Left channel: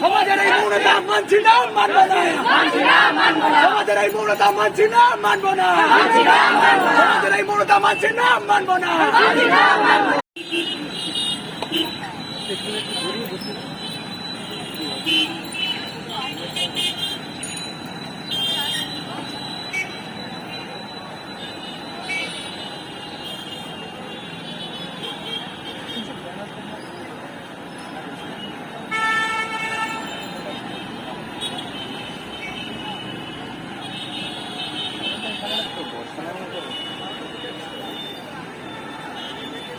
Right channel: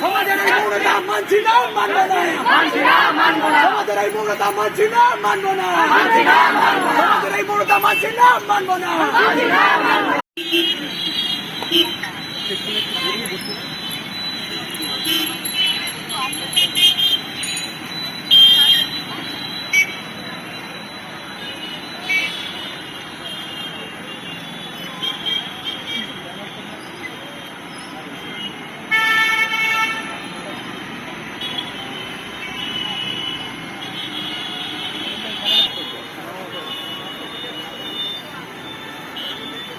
সমাজের এই মৌনতা মানছি না, মানবো না। সমাজের এই মৌনতা মানছি না, মানবো না। সমাজের এই মৌনতা মানছি না, মানবো না।